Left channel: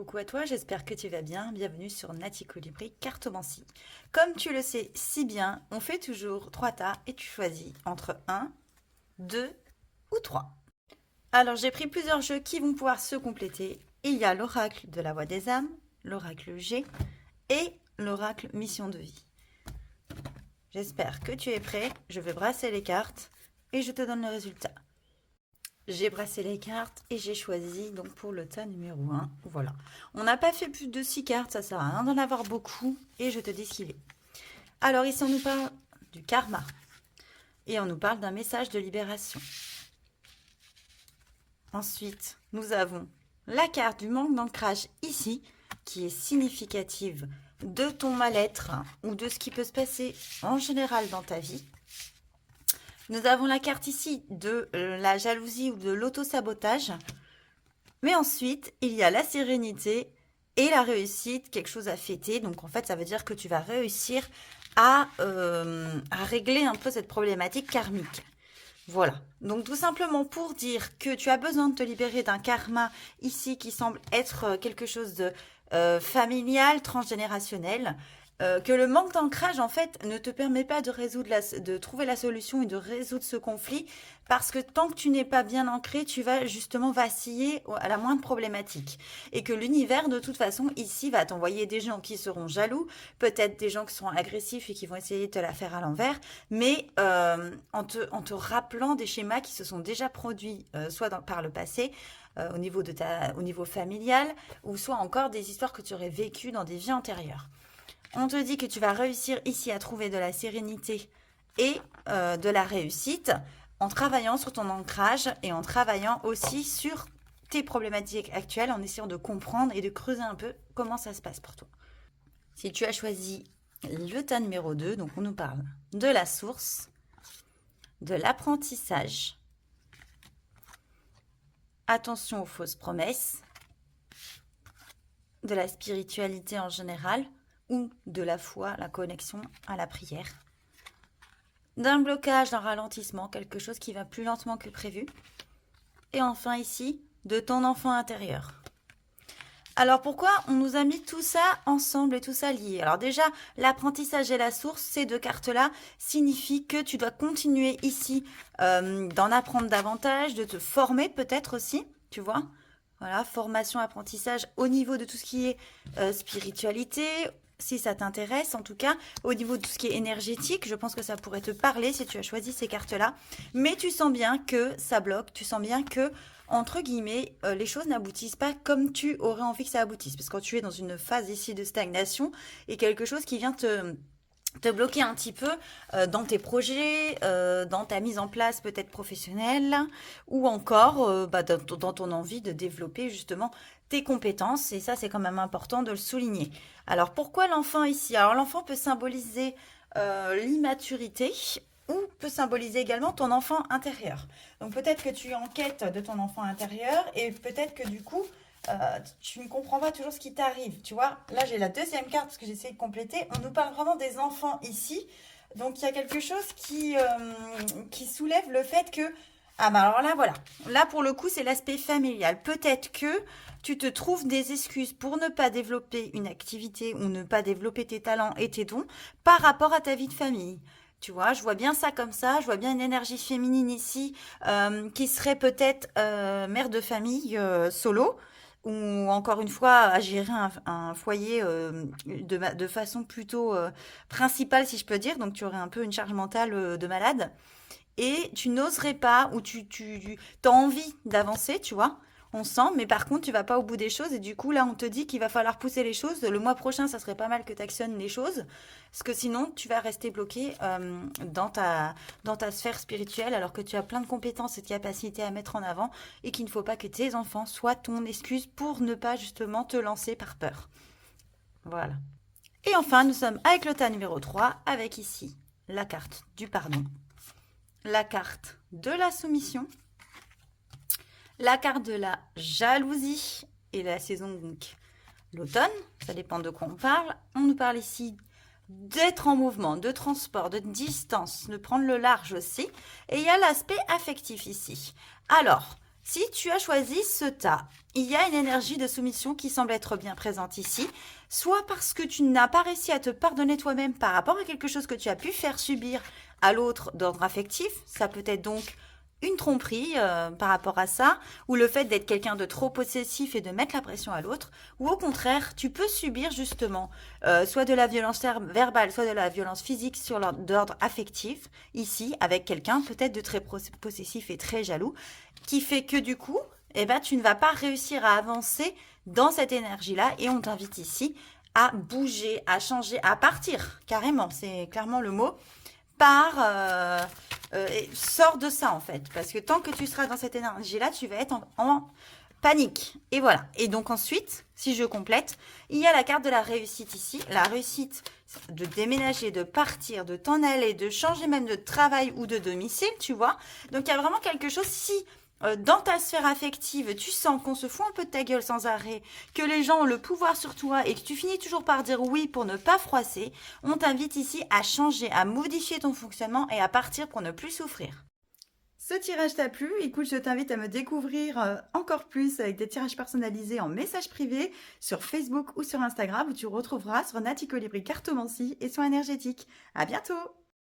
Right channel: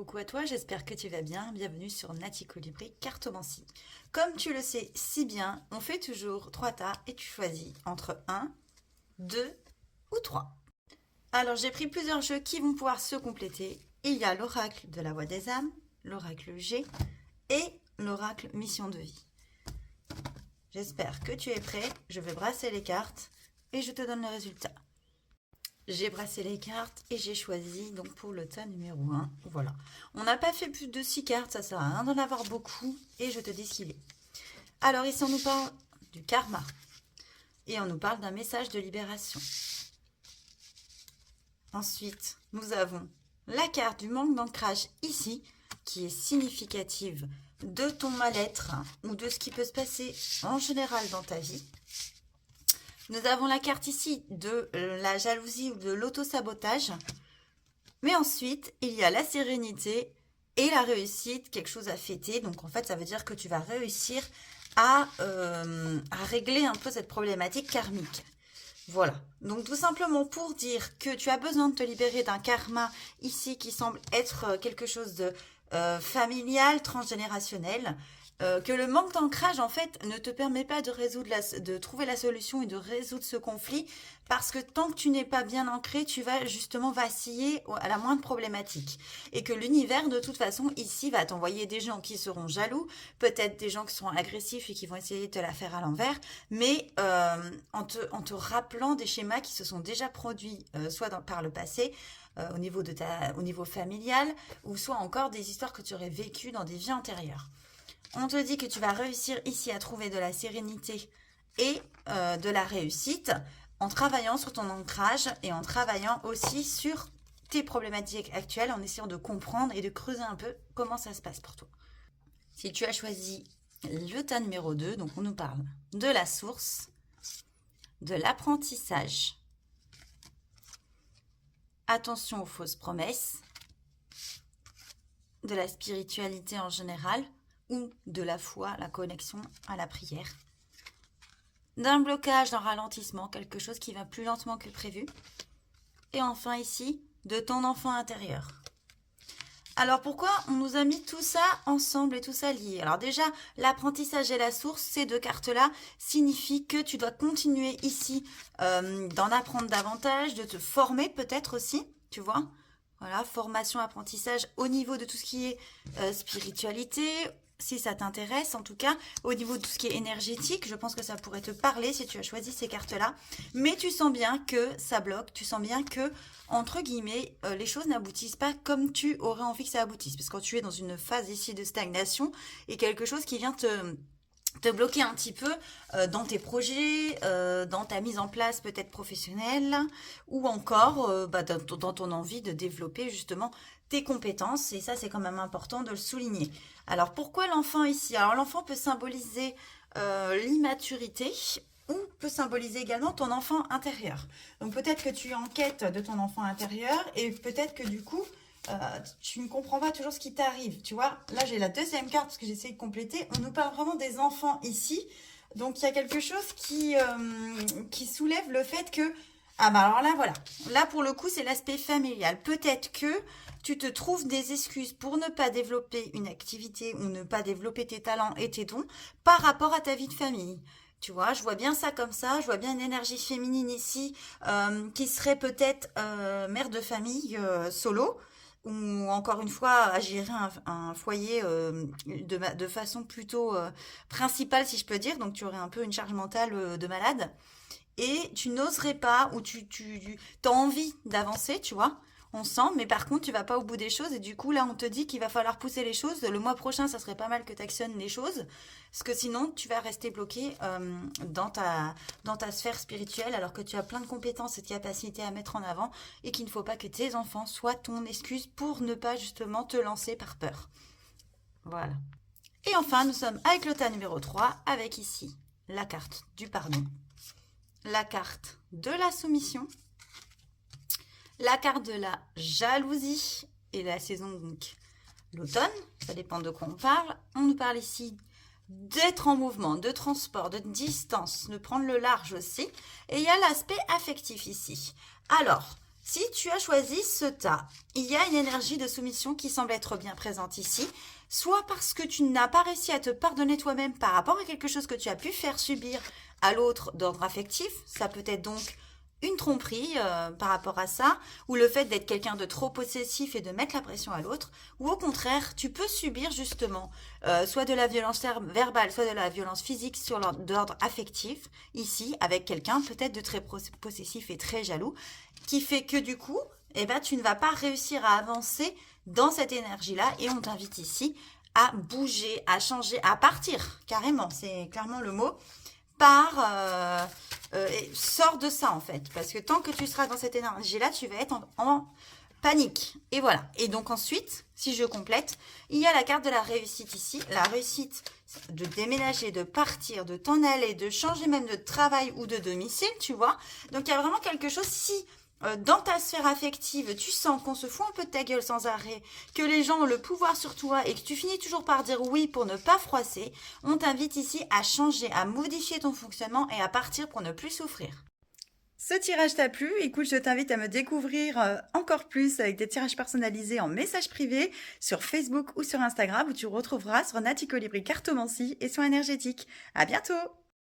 Coucou à toi, j'espère que tu vas bien. Bienvenue sur Nati Colibri Cartomancie. Comme tu le sais si bien, on fait toujours 3 tas et tu choisis entre un, 2 ou 3. Alors j'ai pris plusieurs jeux qui vont pouvoir se compléter. Il y a l'oracle de la voix des âmes, l'oracle G et l'oracle mission de vie. J'espère que tu es prêt. Je vais brasser les cartes et je te donne le résultat. J'ai brassé les cartes et j'ai choisi donc pour le tas numéro 1. Voilà. On n'a pas fait plus de 6 cartes, ça sert à rien d'en avoir beaucoup. Et je te dis ce qu'il est. Alors ici on nous parle du karma. Et on nous parle d'un message de libération. Ensuite, nous avons la carte du manque d'ancrage ici, qui est significative de ton mal-être ou de ce qui peut se passer en général dans ta vie. Nous avons la carte ici de la jalousie ou de l'auto-sabotage. Mais ensuite, il y a la sérénité et la réussite, quelque chose à fêter. Donc en fait, ça veut dire que tu vas réussir à régler un peu cette problématique karmique. Voilà. Donc tout simplement pour dire que tu as besoin de te libérer d'un karma ici qui semble être quelque chose de familial, transgénérationnel. Que le manque d'ancrage en fait ne te permet pas de de trouver la solution et de résoudre ce conflit parce que tant que tu n'es pas bien ancré, tu vas justement vaciller à la moindre problématique et que l'univers de toute façon ici va t'envoyer des gens qui seront jaloux, peut-être des gens qui seront agressifs et qui vont essayer de te la faire à l'envers, mais en te rappelant des schémas qui se sont déjà produits soit par le passé au niveau familial ou soit encore des histoires que tu aurais vécues dans des vies antérieures. On te dit que tu vas réussir ici à trouver de la sérénité et de la réussite en travaillant sur ton ancrage et en travaillant aussi sur tes problématiques actuelles, en essayant de comprendre et de creuser un peu comment ça se passe pour toi. Si tu as choisi le tas numéro 2, donc on nous parle de la source, de l'apprentissage, attention aux fausses promesses, de la spiritualité en général, ou de la foi, la connexion à la prière. D'un blocage, d'un ralentissement, quelque chose qui va plus lentement que prévu. Et enfin ici, de ton enfant intérieur. Alors pourquoi on nous a mis tout ça ensemble et tout ça lié? Alors déjà, l'apprentissage et la source, ces deux cartes-là, signifient que tu dois continuer ici d'en apprendre davantage, de te former peut-être aussi, tu vois. Voilà, formation, apprentissage au niveau de tout ce qui est spiritualité, si ça t'intéresse en tout cas, au niveau de tout ce qui est énergétique, je pense que ça pourrait te parler si tu as choisi ces cartes-là. Mais tu sens bien que ça bloque, tu sens bien que, entre guillemets, les choses n'aboutissent pas comme tu aurais envie que ça aboutisse. Parce que quand tu es dans une phase ici de stagnation et quelque chose qui vient te bloquer un petit peu dans tes projets, dans ta mise en place peut-être professionnelle ou encore dans ton envie de développer justement tes compétences et ça c'est quand même important de le souligner. Alors pourquoi l'enfant ici? Alors l'enfant peut symboliser l'immaturité ou peut symboliser également ton enfant intérieur. Donc peut-être que tu es en quête de ton enfant intérieur et peut-être que du coup tu ne comprends pas toujours ce qui t'arrive, tu vois. Là, j'ai la deuxième carte parce que j'essaie de compléter. On nous parle vraiment des enfants ici. Donc, il y a quelque chose qui soulève le fait que... Ah bah alors là, voilà. Là, pour le coup, c'est l'aspect familial. Peut-être que tu te trouves des excuses pour ne pas développer une activité ou ne pas développer tes talents et tes dons par rapport à ta vie de famille. Tu vois, je vois bien ça comme ça. Je vois bien une énergie féminine ici qui serait peut-être mère de famille solo ou encore une fois à gérer un foyer de façon plutôt principale si je peux dire, donc tu aurais un peu une charge mentale de malade et tu n'oserais pas ou tu as envie d'avancer, tu vois, on sent, mais par contre tu vas pas au bout des choses et du coup là on te dit qu'il va falloir pousser les choses, le mois prochain ça serait pas mal que tu actionnes les choses, parce que sinon tu vas rester bloqué dans ta sphère spirituelle alors que tu as plein de compétences et de capacités à mettre en avant et qu'il ne faut pas que tes enfants soient ton excuse pour ne pas justement te lancer par peur. Voilà. Et enfin nous sommes avec le tas numéro 3 avec ici la carte du pardon, la carte de la soumission, la carte de la jalousie et la saison donc l'automne, ça dépend de quoi on parle. On nous parle ici d'être en mouvement, de transport, de distance, de prendre le large aussi. Et il y a l'aspect affectif ici. Alors, Si tu as choisi ce tas, il y a une énergie de soumission qui semble être bien présente ici, soit parce que tu n'as pas réussi à te pardonner toi-même par rapport à quelque chose que tu as pu faire subir à l'autre d'ordre affectif. Ça peut être donc une tromperie par rapport à ça, ou le fait d'être quelqu'un de trop possessif et de mettre la pression à l'autre, ou au contraire, tu peux subir justement soit de la violence verbale, soit de la violence physique d'ordre affectif, ici, avec quelqu'un peut-être de très possessif et très jaloux, qui fait que du coup, eh ben, tu ne vas pas réussir à avancer dans cette énergie-là, et on t'invite ici à bouger, à changer, à partir, carrément, c'est clairement le mot, sors de ça en fait, parce que tant que tu seras dans cette énergie-là, tu vas être en panique. Et voilà. Et donc ensuite, si je complète, il y a la carte de la réussite ici. La réussite de déménager, de partir, de t'en aller, de changer même de travail ou de domicile, tu vois. Donc il y a vraiment quelque chose, si dans ta sphère affective, tu sens qu'on se fout un peu de ta gueule sans arrêt, que les gens ont le pouvoir sur toi et que tu finis toujours par dire oui pour ne pas froisser, on t'invite ici à changer, à modifier ton fonctionnement et à partir pour ne plus souffrir. Ce tirage t'a plu? Écoute, je t'invite à me découvrir encore plus avec des tirages personnalisés en message privé sur Facebook ou sur Instagram où tu retrouveras sur Nati Colibri Cartomancie et soins énergétiques. À bientôt!